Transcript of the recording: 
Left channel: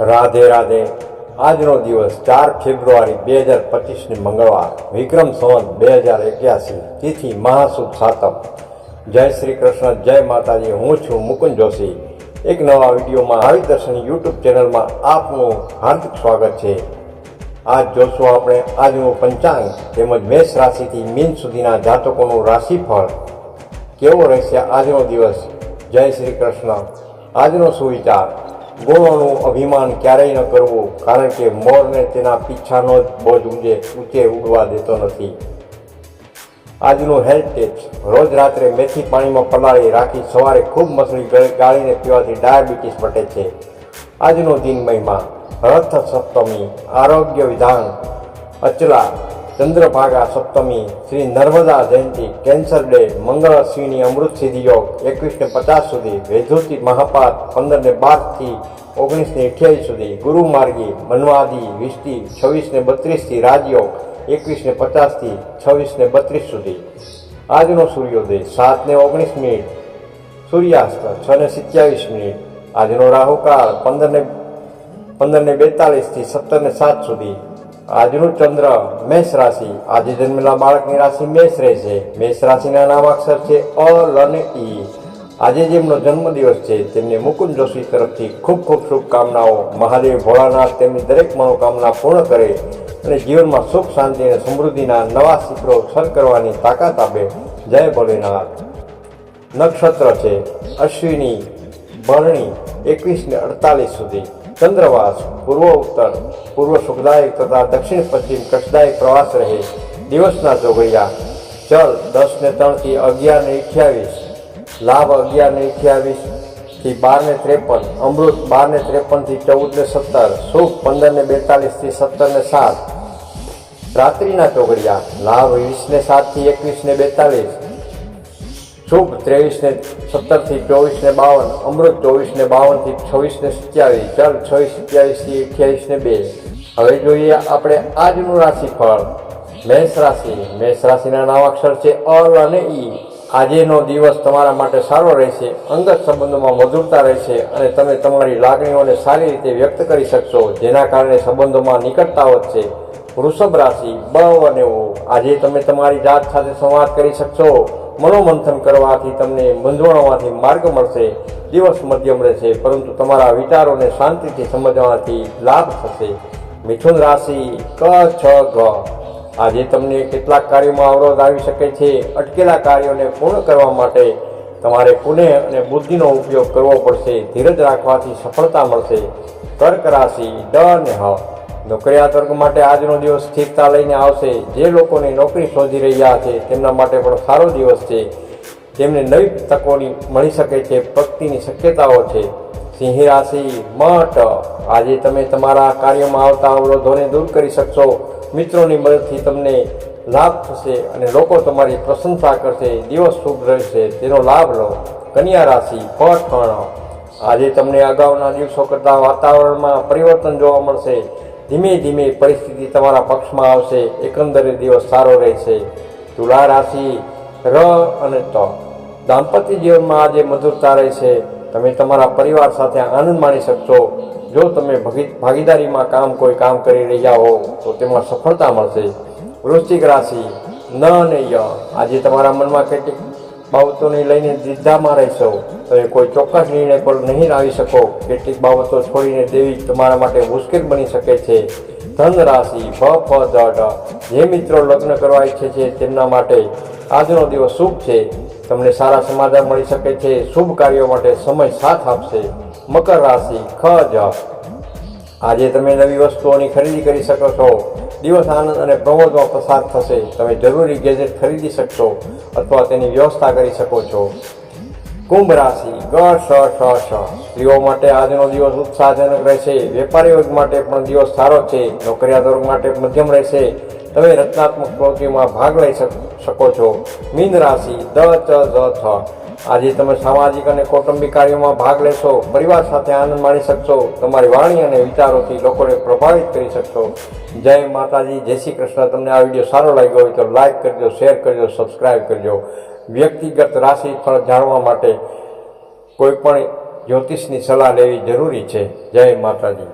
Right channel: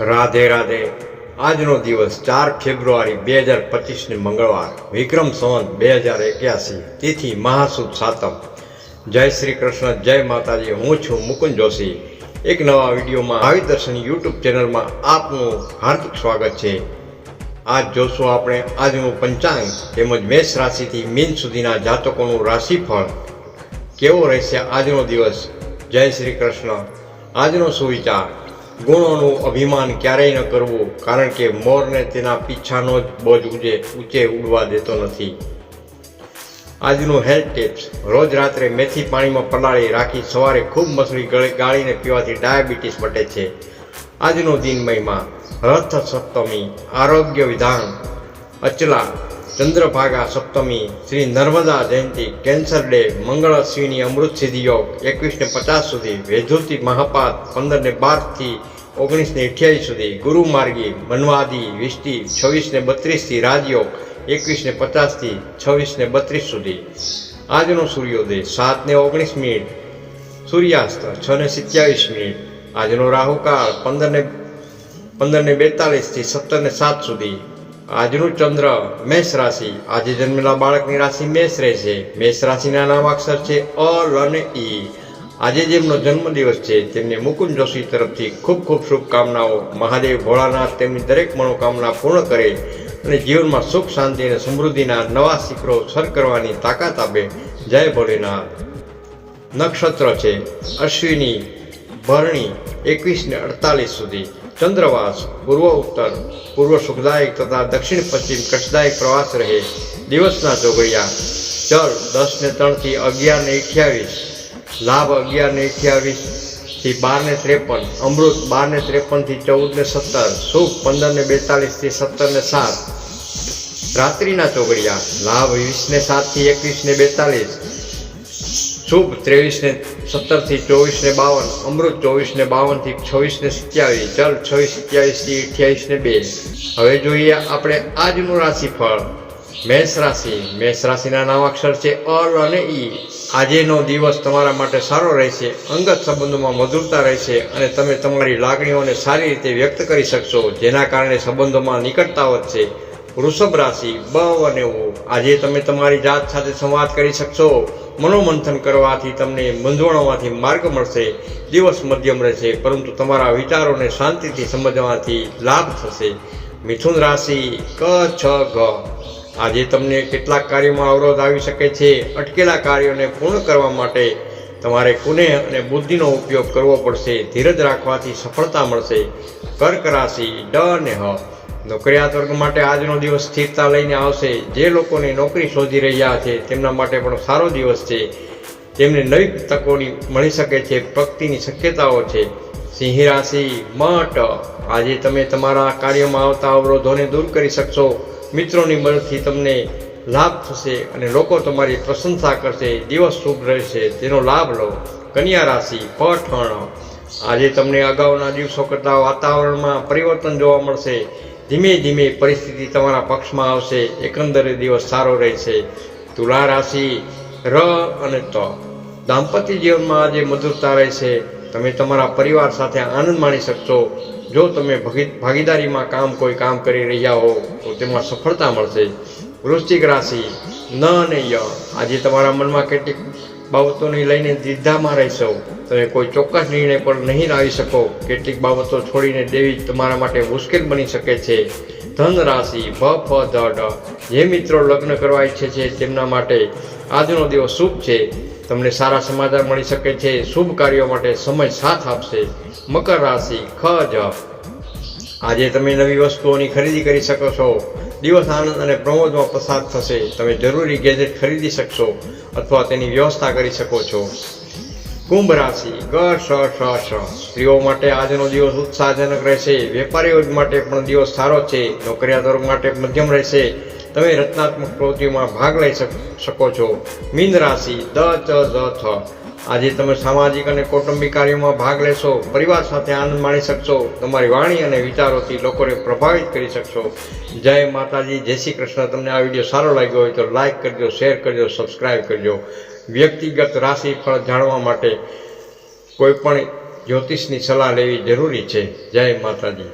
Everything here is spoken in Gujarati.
રાધે રાધે. આજનો દિવસ ચાર ફેબ્રુઆરી બે હજાર પચીસને મંગળવાર, વિક્રમ સંવત બે હજાર એક્યાસી, તિથિ મહાસુદ સાતમ. જય શ્રી કૃષ્ણ, જય માતાજી, હું છું મુકુંદ જોશી. એક નવા વિડીયોમાં આવી દર્શન યુટ્યુબ ચેનલમાં આપનું હાર્દિક સ્વાગત છે. આજ જોશું આપણે આજનું પંચાંગ તેમજ મેષ રાશિથી મીન સુધીના જાતકોનું રાશિફળ. કેવો રહેશે આજનો દિવસ? જય શ્રી કૃષ્ણ. આજનો સુવિચાર. ગુણોનું અભિમાન ક્યારેય ન કરવું, કારણ કે મોરને તેના પીછાનો જ બોજ ઉજે ઊંચે ઉડવા દેતો નથી. આજનું હેલ્થ ટિપ્સ. રોજ રાત્રે મેથી પાણીમાં પલાળી રાખી સવારે ખૂબ મસળી ગળી ગાળીને પીવાથી ડાયાબિટીસ મટે છે. આજનો દિન મહિમા રથ સપ્તમી આરોગ્ય વિધાન. અચલા ચંદ્રભાગા સપ્તમી શ્રી નર્મદા જયંતિ કેન્સર ડે મંગળ શ્રીની અમૃત સિદ્ધિ યોગ એકવીસને પચાસ સુધી વેધુતિ મહાપાત પંદરને બારથી ઓગણીસને અઠ્યાવીસ સુધી ગુરુ માર્ગી મનવાદી વીસથી છવ્વીસને બત્રીસથી રાજયોગ એકવીસને પચાસથી છવ્વીસને બત્રીસ સુધી. આજનો સૂર્યોદય સાતને ઓગણીસ મિનિટ, સૂર્યાસ્ત છ ને સિત્યાવીસ મિનિટ, આજનો રાહુકાળ પંદરને પંદરને બેતાલીસથી સત્તરને સાત સુધી. આજનું ચંદ્ર મેષ રાશિ. આજે જન્મેલા બાળકની રાશિ મેષ રહેશે. મેષ રાશિના નામ અક્ષર છે અ, લ અને ઈ આજે જેમનો જન્મદિવસ છે, તેમને મુકુંદ જોશી તરફથી ખૂબ ખૂબ શુભકામનાઓ. મહાદેવ ભોળાનાથ તેમની દરેક મનોકામના પૂર્ણ કરે અને જીવનમાં સુખ, શાંતિ અને સમૃદ્ધિના નવા શિખરો સર કરવાની તાકાત આપે. જય ભોલેનાથ. નક્ષત્ર છે અશ્વિની ભરણી એકવીસને અડતાલીસ સુધી. ચંદ્રવાસ પૂર્વ ઉત્તર પૂર્વ સુખદાયક તથા દક્ષિણ પશ્ચિમ કષ્ટદાયક પ્રવાસ રહે દિવસના ચોગડિયા ચલ દસ ને ત્રણથી અગિયાર ને અઠ્યાવીસ. લાભ અગિયાર ને અઠ્યાવીસથી બાર ને ત્રેપન. અમૃત બાર ને ત્રેપનથી ચૌદ ને સત્તર. સુખ પંદર ને બેતાલીસથી સત્તર ને સાત. રાત્રિના ચોગડિયા. લાભ વીસ ને સાતથી એકવીસ ને બેતાલીસ. શુભ ત્રેવીસ ને સત્તરથી ચોવીસ ને બાવન, અમૃત ચોવીસ ને બાવનથી છવ્વીસ ને સત્યાવીસ ચલ છવ્વીસ, સત્યાવીસથી અઠ્યાવીસ ને બે. હવે જોઈએ આપણે આજનું રાશિફળ. મેષ રાશિ. મેષ રાશિના નામાક્ષર છે અલ અને ઈ. આજેનો દિવસ તમારા માટે સારો રહેશે, અંગત સંબંધોમાં મધુરતા રહેશે અને તમે તમારી લાગણીઓને સારી રીતે વ્યક્ત કરી શકશો, જેના કારણે સંબંધોમાં નિકટતા વધશે. વૃષભ રાશિ બ અને ઓ. આજે તમે તમારી જાત સાથે સંવાદ કરી શકશો. મનોમંથન કરવાથી તમને મૂંઝવણોમાંથી માર્ગ મળશે, દિવસ મધ્યમ રહેશે, પરંતુ તમારા વિચારોને શાંતિથી સમજવાથી લાભ થશે. મિથુન રાશિ, ક, છ, ગ. આજે તમને કેટલાક કાર્યોમાં અવરોધ આવી શકે છે. અટકેલા કાર્યોને પૂર્ણ કરવા માટે તમારે કુને અને બુદ્ધિનો ઉપયોગ કરવો પડશે. ધીરજ રાખવાથી સફળતા મળશે. કર્ક રાશિ, ડ અને હ. નોકરિયાત વર્ગ માટે આજનો દિવસ સ્થિરતા લઈને આવશે. જે લોકોને નોકરી શોધી રહ્યા છે, તેમના માટે પણ સારો દિવસ છે. તેમને નવી તકોની મળી શકે છે પ્રગતિની શક્યતાઓ છે. સિંહ રાશિ, મઠ. આજે તમે તમારા કાર્યમાં આવતા અવરોધોને દૂર કરી શકશો. મિત્રોની મદદથી તમને લાભ થશે અને લોકો તમારી પ્રશંસા કરશે. દિવસ શુભ રહેશે, તેનો લાભ લો. કન્યા રાશિ, પઠણ. આજે તમને અગાઉના દિવસો કરતાં વાતાવરણમાં પરિવર્તન જોવા મળશે. ધીમે ધીમે પરિસ્થિતિ તમારા પક્ષમાં આવશે, એકંદરે દિવસ સારો રહેશે. તુલા રાશિ, ર અને ત. દાંપત્ય જીવનમાં આજે મધુરતા રહેશે. તમે તમારા પરિવાર સાથે આનંદ માણી શકશો. જો તમે ભગી- ભાગીદારીમાં કામ કોઈ કામ કરી રહ્યા હો, તો તેમાં સફળતા મળશે. વૃશ્ચિક રાશિ, ન અને ય. આજે તમારા મનમાં કેટલીક બાબતોને લઈને દ્વિધામાં રહેશો. તમે કોઈ ચોક્કસ નિર્ણય પર નહીં આવી શકો. કેટલીક બાબતો છોડીને દેવી તમારા માટે મુશ્કેલ બની શકે છે. ધન રાશિ ભ, ફ, ધ, ડ, જે મિત્રો લગ્ન કરવા ઈચ્છે છે તેમના માટે આજનો દિવસ શુભ છે. તમને સારા સમાચાર મળી શકે છે. શુભ કાર્યો માટે સમય સાથ આપશે. મકર રાશિ, ખ, જ. આજે તમે નવી વસ્તુઓની ખરીદી કરી શકો છો. દિવસ આનંદ અને પ્રમોદમાં પસાર થશે. તમે જરૂરી ગેજેટ ખરીદી શકશો અથવા તેની વ્યવસ્થા કરી શકો છો. કુંભ રાશિ ગ શ શ શ સ્ત્રીઓ માટે આજનો દિવસ ઉત્સાહજનક રહેશે. વેપારી વર્ગ માટે પણ દિવસ સારો છે. નોકરિયાત વર્ગ માટે મધ્યમ રહેશે. તમે રચનાત્મક પ્રવૃત્તિઓમાં ભાગ લઈ શક- છો. મીન રાશિ, દ, ચ જ થ. આજે તમે સામાજિક અને કૌટુંબિક કાર્યોમાં ભાગ લેશો. પરિવાર સાથે આનંદ માણી શકશો. તમારી વાણી અને વિચારોથી લોકોને પ્રભાવિત કરી શકશો. જય માતાજી. જય શ્રી કૃષ્ણ. તમને આ વીડિયો સારો લાગ્યો હોય તો લાઈક કરજો, શેર કરજો સબસ્ક્રાઈબ કરજો. વ્યક્તિગત રાશિ ફળ જાણવા માટે કોઈ પણ જ્યોતિષની સલાહ લેવી જરૂરી છે. જય માતાજી.